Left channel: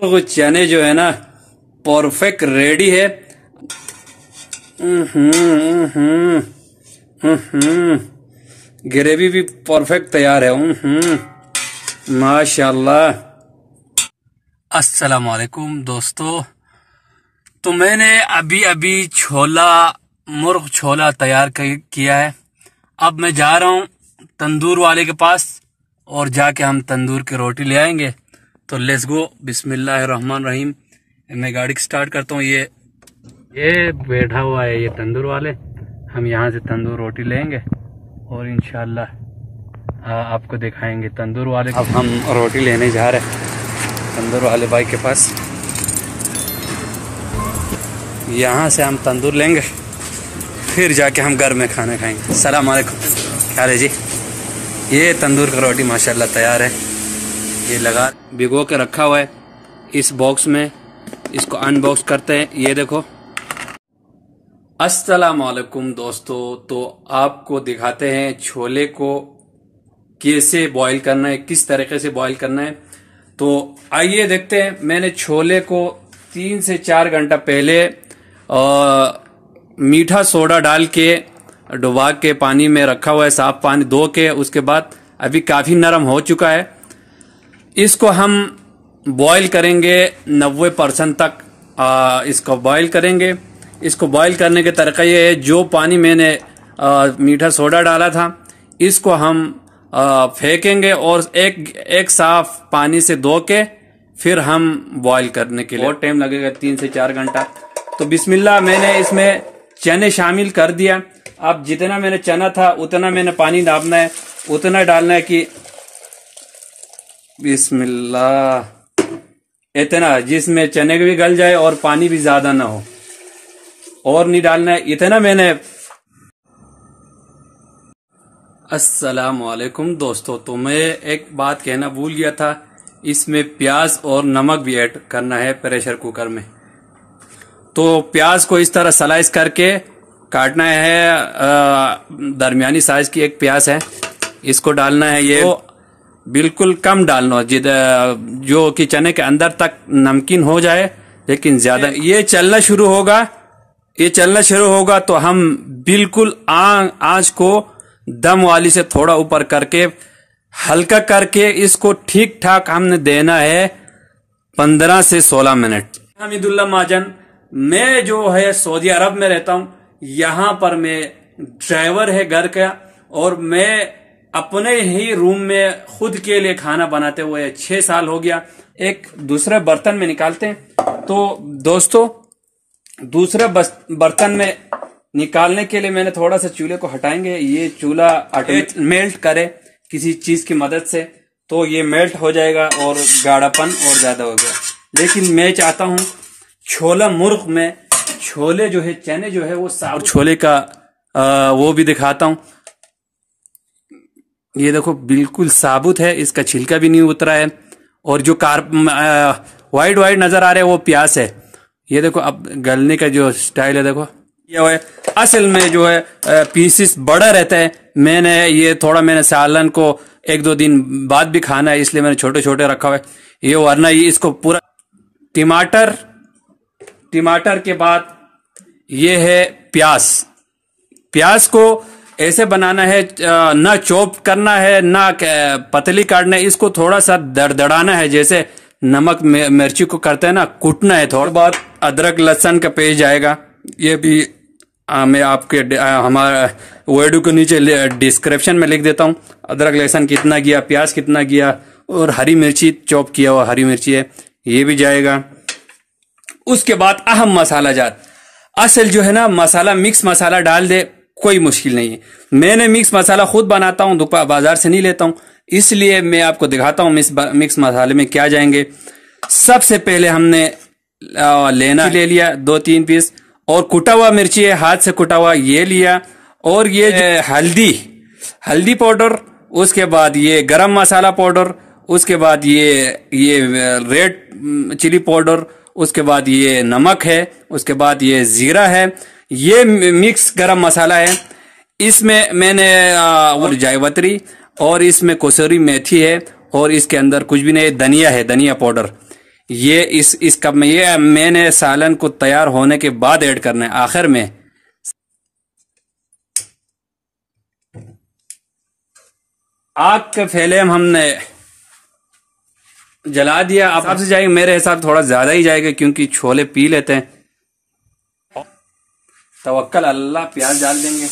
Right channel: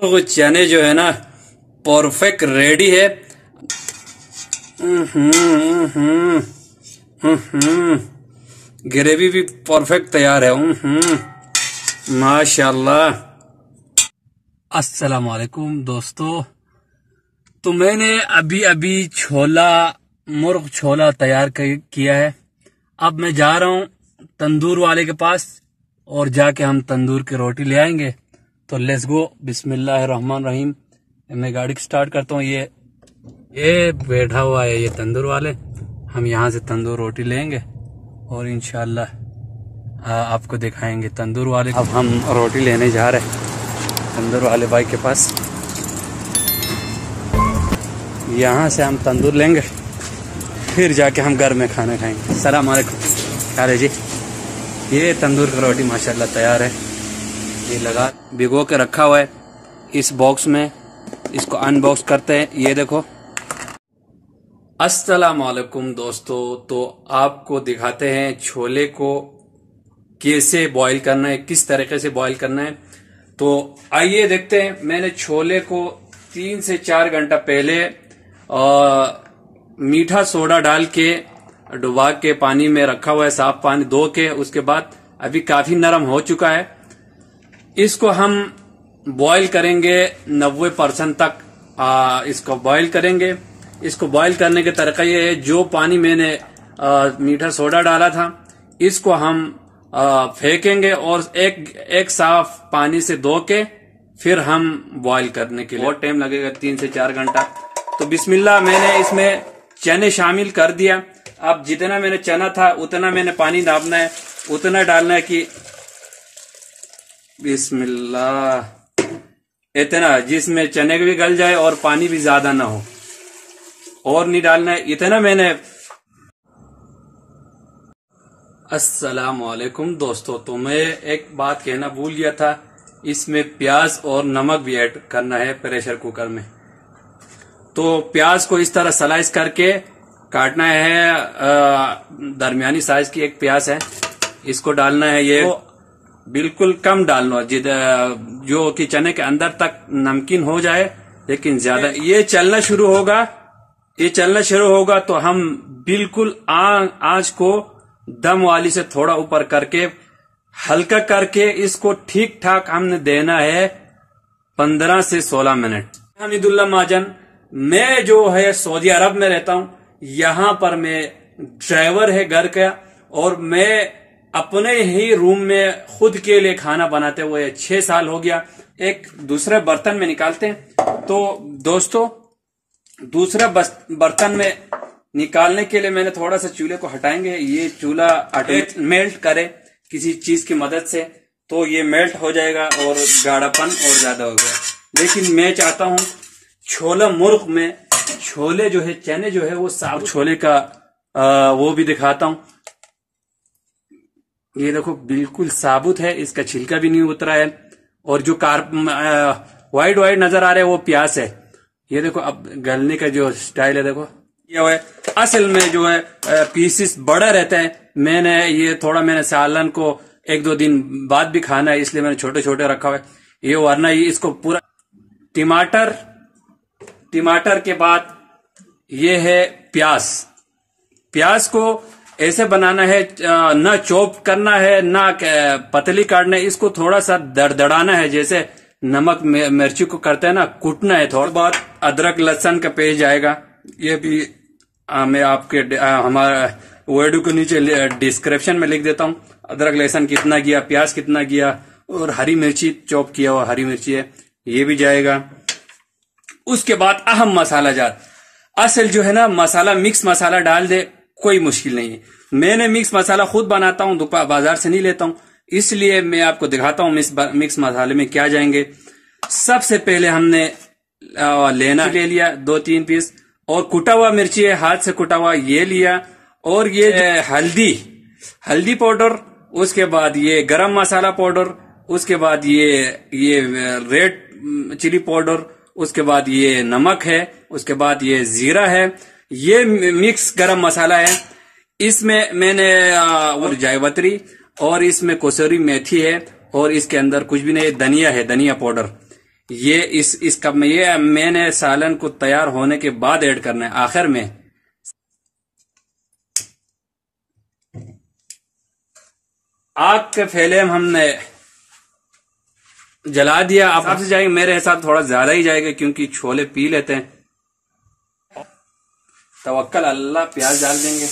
और वो चने जो है ना परफेक्ट रेडी है। ग्रेवी भी परफेक्ट तैयार है। माशाल्लाह। अस्सलाम वालेकुम दोस्तों, तो मैंने अभी छोला मुर्ग छोला तैयार किया है। अब मैं जा रहा हूँ तंदूर वाले के पास और जाके हम तंदूर की रोटी ले आएंगे। तो लेट्स गो, बिस्मिल्लाहिर्रहमानिर्रहीम। मैं गाड़ी स्टार्ट करता हूँ। ये बैठा हुआ है ये तंदूर वाले। हम यहाँ से तंदूर रोटी लेंगे और इंशाल्लाह आपको दिखाएंगे तंदूर वाले। अब हम रोटी लेने जा रहे हैं तंदूर वाले भाई के पास। यहाँ से हम तंदूर लेंगे, फिर जाके हम घर में खाना खाएंगे। सलाम अलैकुम। क्या है जी, ये तंदूर का रोटी माशाल्लाह तैयार है। ये लगा भिगो के रखा हुआ है इस बॉक्स में। इसको अनबॉक्स करते हैं। ये देखो। अस्सलाम वालेकुम दोस्तों, तो आपको दिखाते हैं छोले को कैसे बॉईल करना है, किस तरीके से बॉईल करना है। तो आइए देखते हैं। मैंने छोले को 3 से 4 घंटा पहले मीठा सोडा डाल के डुबा के पानी में रखा हुआ है, साफ पानी धो के। उसके बाद अभी काफी नरम हो चुका है। इसको हम बॉईल करेंगे 90% तक। इसको बॉईल करेंगे। इसको बॉईल करने का तरीका ये है, जो पानी मैंने मीठा सोडा डाला था इसको हम फेंकेंगे और एक साफ पानी से धो के फिर हम बॉईल करने के लिए। बहुत टाइम लगेगा, 3 से 4 घंटा। तो बिस्मिल्लाह, मैंने इसमें चने शामिल कर दिया। अब जितना मैंने चना था उतना मैंने पानी डालना है, उतना डालना है कि बिस्मिल्लाह इतना, जिसमें चने भी गल जाए और पानी भी ज्यादा ना हो। और नहीं डालना है, इतना मैंने। अस्सलाम वालेकुम दोस्तों, तो मैं एक बात कहना भूल गया था। इसमें प्याज और नमक भी ऐड करना है प्रेशर कुकर में। तो प्याज को इस तरह स्लाइस करके काटना है। दरमियानी साइज की एक प्याज है, इसको डालना है। ये बिल्कुल कम डालना, जो कि चने के अंदर तक नमकीन हो जाए, लेकिन ज्यादा। ये चलना शुरू होगा तो हम बिल्कुल आंच को दम वाली से थोड़ा ऊपर करके हल्का करके इसको ठीक ठाक हमने देना है 15 से 16 मिनट। हमीदुल्लाह महाजन, मैं जो है सऊदी अरब में रहता हूँ। यहाँ पर मैं ड्राइवर है घर का, और मैं अपने ही रूम में खुद के लिए खाना बनाते हुए 6 साल हो गया। एक दूसरे बर्तन में निकालते हैं। तो दोस्तों, दूसरा बर्तन में निकालने के लिए मैंने थोड़ा सा चूल्हे को हटाएंगे। ये चूल्हा मेल्ट करे किसी चीज की मदद से, तो ये मेल्ट हो जाएगा और गाढ़ापन और ज्यादा हो गया। लेकिन मैं चाहता हूँ छोला मुर्ग में छोले जो है, चने जो है वो साबुत छोले का वो भी दिखाता हूँ। ये देखो बिल्कुल साबुत है, इसका छिलका भी नहीं उतरा है। और जो वाइट नजर आ रहा है वो प्याज है। ये देखो, अब गलने का जो स्टाइल है देखो, ये है। असल में जो है पीसेस बड़ा रहता है। मैंने सालन को 1-2 दिन बाद भी खाना है, इसलिए मैंने छोटे छोटे रखा हुआ है। ये वरना ये इसको पूरा टमाटर के बाद ये है प्याज को ऐसे बनाना है, ना चॉप करना है ना पतली काटना है। इसको थोड़ा सा दरदड़ाना है, जैसे नमक मिर्ची को करते हैं ना, कूटना है। थोड़ा बहुत अदरक लहसुन का पेस्ट जाएगा। ये भी मैं आपके हमारा वीडियो के नीचे डिस्क्रिप्शन में लिख देता हूँ। अदरक लहसुन कितना गया, प्याज कितना गया, और हरी मिर्ची चॉप किया हुआ हरी मिर्ची है, ये भी जाएगा। उसके बाद अहम मसाला जात, असल जो है ना मसाला, मिक्स मसाला डाल दे, कोई मुश्किल नहीं है। मैंने मिक्स मसाला खुद बनाता हूँ, बाजार से नहीं लेता हूँ, इसलिए मैं आपको दिखाता हूँ मिक्स मसाले में क्या जाएंगे। सबसे पहले हमने ले लिया 2-3 पीस, और कुटा हुआ मिर्ची है, हाथ से कुटा हुआ ये लिया। और ये हल्दी पाउडर, उसके बाद ये गरम मसाला पाउडर, उसके बाद ये रेड चिली पाउडर, उसके बाद ये नमक है, उसके बाद ये जीरा है। ये मिक्स गरम मसाला है। इसमें मैंने जायवत्री और इसमें कसूरी मेथी है, और इसके अंदर कुछ भी नहीं, धनिया है, धनिया पाउडर। ये इस कप में, ये मैंने सालन को तैयार होने के बाद ऐड करना है आखिर में। आग के फैले हमने जला दिया। अब आपसे जाएगा, मेरे हिसाब थोड़ा ज्यादा ही जाएगा क्योंकि छोले पी लेते हैं। तवक्कल अल्लाह, प्याज डाल देंगे।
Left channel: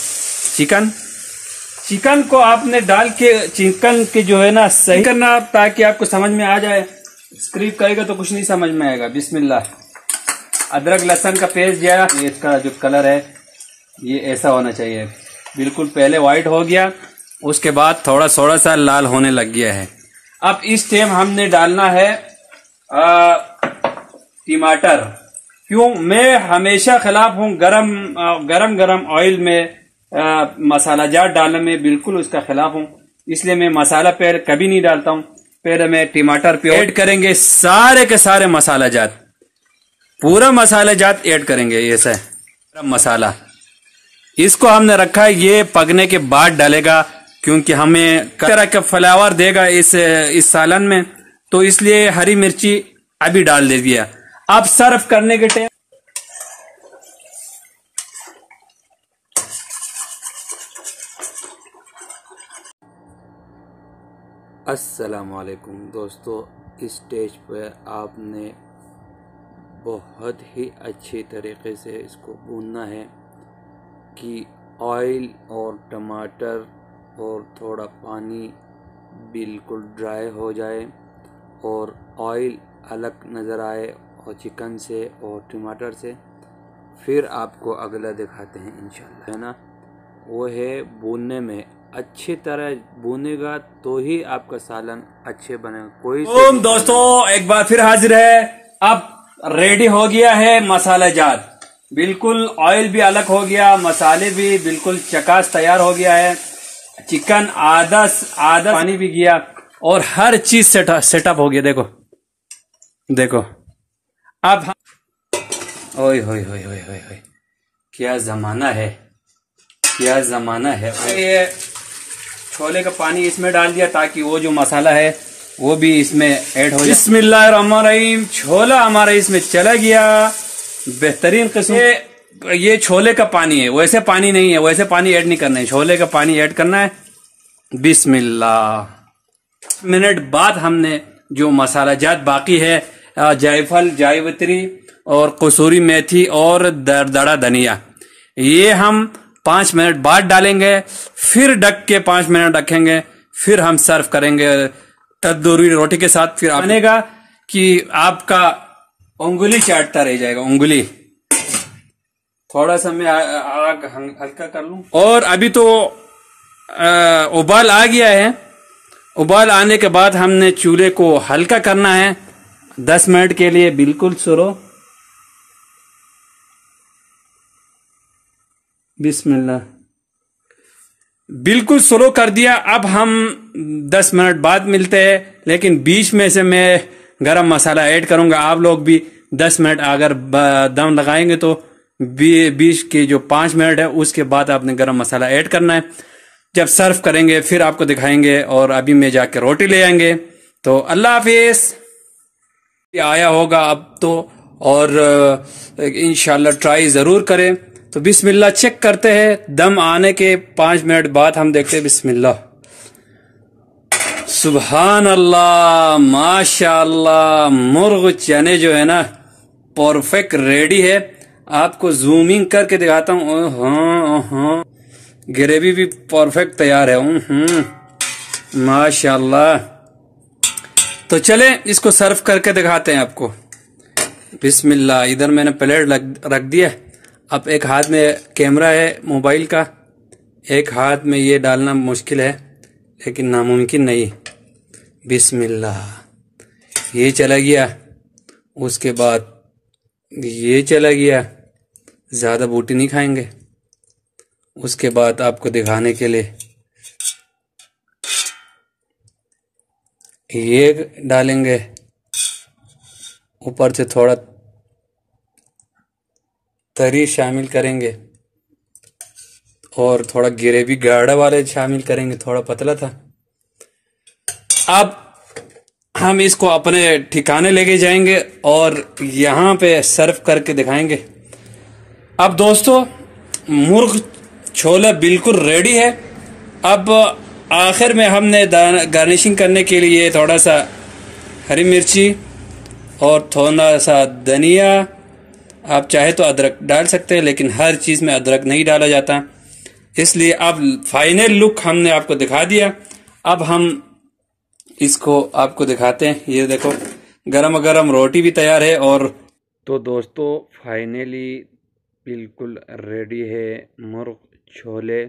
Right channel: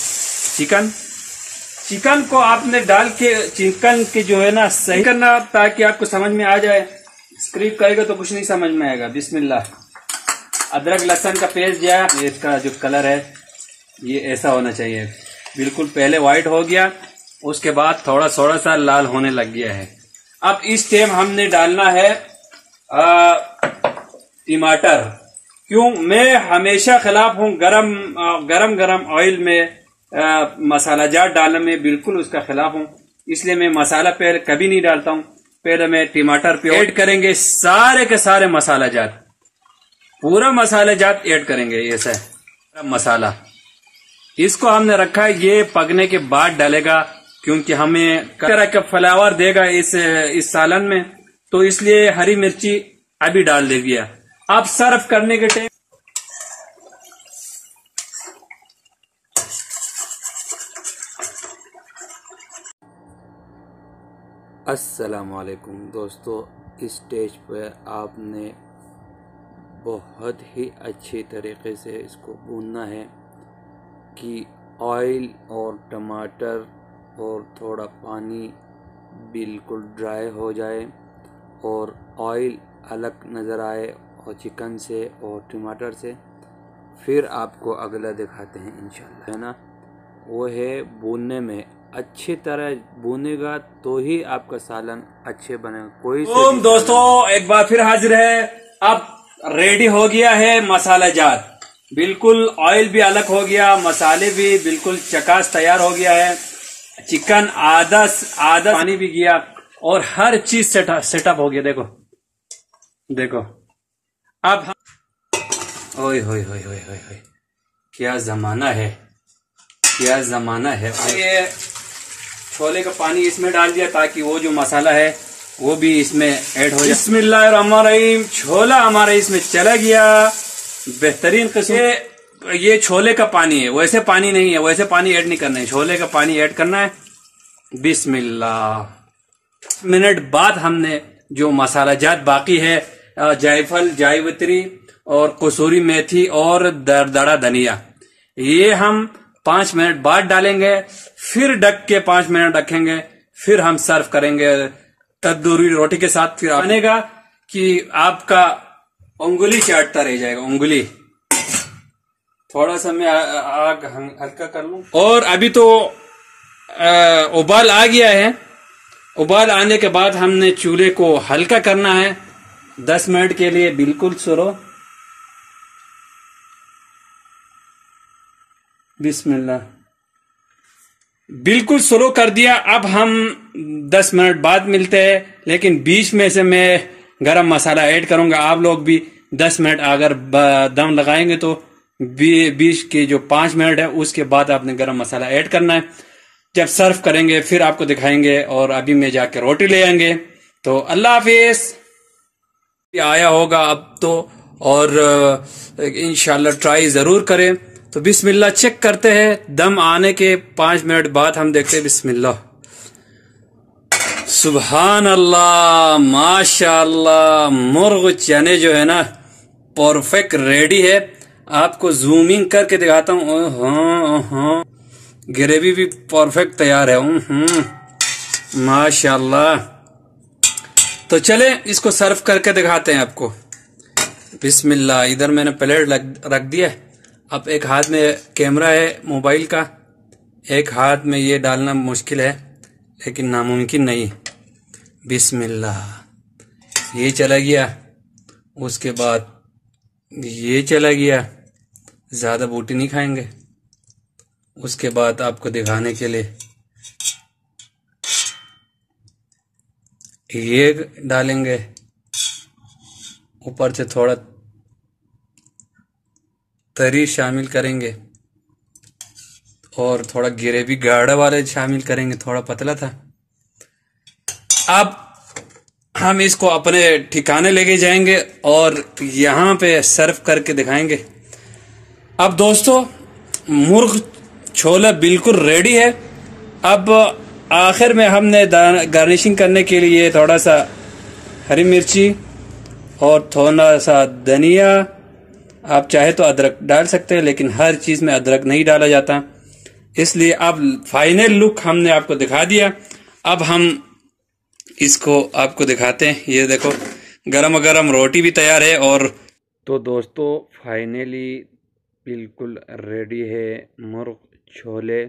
चिकन को आपने डाल के चिकन के जो है ना सही करना ताकि आपको समझ में आ जाए। स्क्रिप्ट करेगा तो कुछ नहीं समझ में आएगा। बिस्मिल्लाह। अदरक लहसुन का पेस्ट जाएगा। इसका जो कलर है ये ऐसा होना चाहिए, बिल्कुल पहले व्हाइट हो गया, उसके बाद थोड़ा सा लाल होने लग गया है। अब इस टाइम हमने डालना है टमाटर। क्यों? मैं हमेशा खिलाफ हूँ गरम ऑयल में मसाला जात डालने में, बिल्कुल उसका खिलाफ हूँ। इसलिए मैं मसाला पहले कभी नहीं डालता हूँ। पहले मैं टमाटर पे ऐड करेंगे सारे के सारे मसाला जात, पूरा मसाला जात ऐड करेंगे। ये से मसाला इसको हमने रखा है, ये पकने के बाद डालेगा क्योंकि हमें तरह का फ्लेवर देगा इस सालन में, तो इसलिए हरी मिर्ची अभी डाल दे दिया। अब सर्व करने के टाइम अस्सलामुअलैकुम दोस्तों, इस स्टेज पे आपने बहुत ही अच्छी तरीके से इसको भूनना है कि ऑयल और टमाटर और थोड़ा पानी बिल्कुल ड्राई हो जाए और ऑयल अलग नज़र आए और चिकन से और टमाटर से। फिर आपको अगला दिखाते हैं इंशाल्लाह, है ना। वो है भूनने में, अच्छी तरह भूनेगा तो ही आपका सालन अच्छे बनेगा। कोई दोस्तों एक बार फिर हाजिर है। अब रेडी हो गया है मसाला जात, बिल्कुल ऑयल भी अलग हो गया, मसाले भी बिल्कुल चकास तैयार हो गया है, चिकन आधा पानी भी गया और हर चीज सेटअप हो गया। देखो अब ओए होए होए होए होए, क्या जमाना है, क्या जमाना है। ये छोले का पानी इसमें डाल दिया ताकि वो जो मसाला है वो भी इसमें ऐड हो जाए। बिस्मिल्लाहिर्रहमानिर्रहीम। छोला हमारा इसमें चला गया, बेहतरीन किस्म। ये छोले का पानी है, वैसे पानी नहीं है, वैसे पानी ऐड नहीं करना है, छोले का पानी ऐड करना है। बिस्मिल्लाह। मिनट बाद हमने जो मसाला जात बाकी है, जायफल, जावित्री और कसूरी मेथी और दरदरा धनिया, ये हम 5 मिनट बाद डालेंगे। फिर ढक के 5 मिनट रखेंगे, फिर हम सर्व करेंगे तंदूरी रोटी के साथ। फिर बनेगा कि आपका उंगली चाटता रह जाएगा, उंगली। थोड़ा सा मैं आग हल्का कर लूं। और अभी तो उबाल आ गया है। उबाल आने के बाद हमने चूल्हे को हल्का करना है 10 मिनट के लिए, बिल्कुल स्लो। बिस्मिल्लाह। बिल्कुल स्लो कर दिया। अब हम 10 मिनट बाद मिलते हैं, लेकिन बीच में से मैं गरम मसाला ऐड करूंगा। आप लोग भी 10 मिनट अगर दम लगाएंगे तो बीच के जो 5 मिनट है उसके बाद आपने गरम मसाला ऐड करना है। जब सर्व करेंगे फिर आपको दिखाएंगे, और अभी मैं जाके रोटी ले आएंगे। तो अल्लाह हाफिज। आया होगा अब तो, और इंशाल्लाह ट्राई जरूर करें। तो बिस्मिल्लाह चेक करते हैं। दम आने के 5 मिनट बाद हम देखते हैं। बिस्मिल्लाह, सुभान अल्लाह, माशाअल्लाह। मुर्ग चने जो है ना परफेक्ट रेडी है। आपको जूमिंग करके दिखाता हूँ। ग्रेवी भी परफेक्ट तैयार है। माशाअल्लाह। तो चले इसको सर्व करके दिखाते हैं आपको। बिस्मिल्लाह। इधर मैंने प्लेट रख दिया। अब एक हाथ में कैमरा है मोबाइल का, एक हाथ में ये डालना मुश्किल है लेकिन नामुमकिन नहीं। बिस्मिल्लाह। ये चला गया, उसके बाद ये चला गया। ज्यादा बूटी नहीं खाएंगे। उसके बाद आपको दिखाने के लिए ये डालेंगे, ऊपर से थोड़ा तरी शामिल करेंगे और थोड़ा ग्रेवी गाढ़ा वाले शामिल करेंगे, थोड़ा पतला था। अब हम इसको अपने ठिकाने लेके जाएंगे और यहाँ पे सर्व करके दिखाएंगे। अब दोस्तों मुर्ग छोला बिल्कुल रेडी है। अब आखिर में हमने गार्निशिंग करने के लिए थोड़ा सा हरी मिर्ची और थोड़ा सा धनिया, आप चाहे तो अदरक डाल सकते हैं, लेकिन हर चीज़ में अदरक नहीं डाला जाता, इसलिए अब फाइनल लुक हमने आपको दिखा दिया। अब हम इसको आपको दिखाते हैं। ये देखो गरम गरम रोटी भी तैयार है। और तो दोस्तों फाइनली बिल्कुल रेडी है मुर्ग छोले।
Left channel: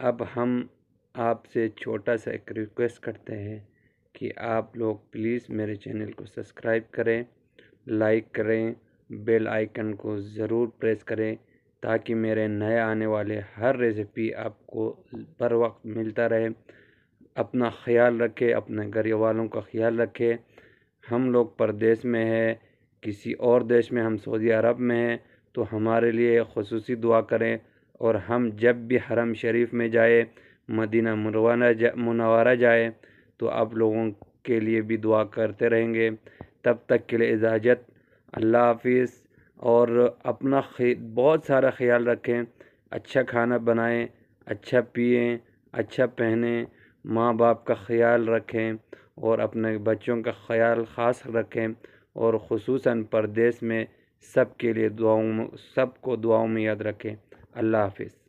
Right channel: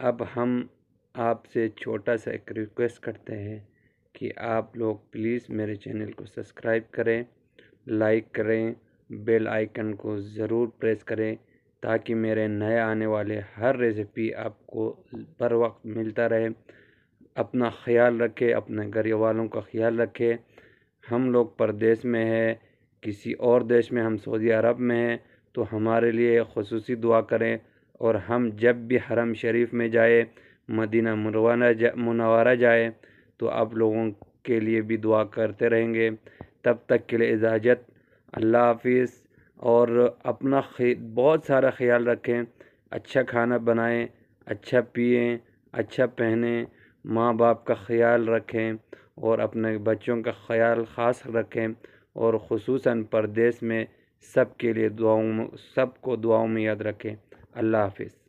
अब हम आपसे छोटा सा एक रिक्वेस्ट करते हैं कि आप लोग प्लीज़ मेरे चैनल को सब्सक्राइब करें, लाइक करें, बेल आइकन को ज़रूर प्रेस करें, ताकि मेरे नए आने वाले हर रेसिपी आपको बर वक्त मिलता रहे। अपना ख्याल रखें, अपने घर वालों का ख्याल रखें। हम लोग परदेश में है, किसी और देश में, हम सऊदी अरब में हैं, तो हमारे लिए ख़ुसूसी दुआ करें। और हम जब भी हरम शरीफ में जाए, मदीना मुनव्वरा जाए, तो आप लोगों के लिए भी दुआ करते रहेंगे। तब तक के लिए इजाज़त, अल्लाह हाफिज़। और अपना बहुत सारा ख्याल रखें, अच्छा खाना बनाएं, अच्छा पिएं, अच्छा पहनें, माँ बाप का ख्याल रखें और अपने बच्चों का ख्याल ख़ास रखें। और ख़ुसूसन परदेश में सबके लिए सबको दुआओं में याद रखें। अल्लाह हाफिज़।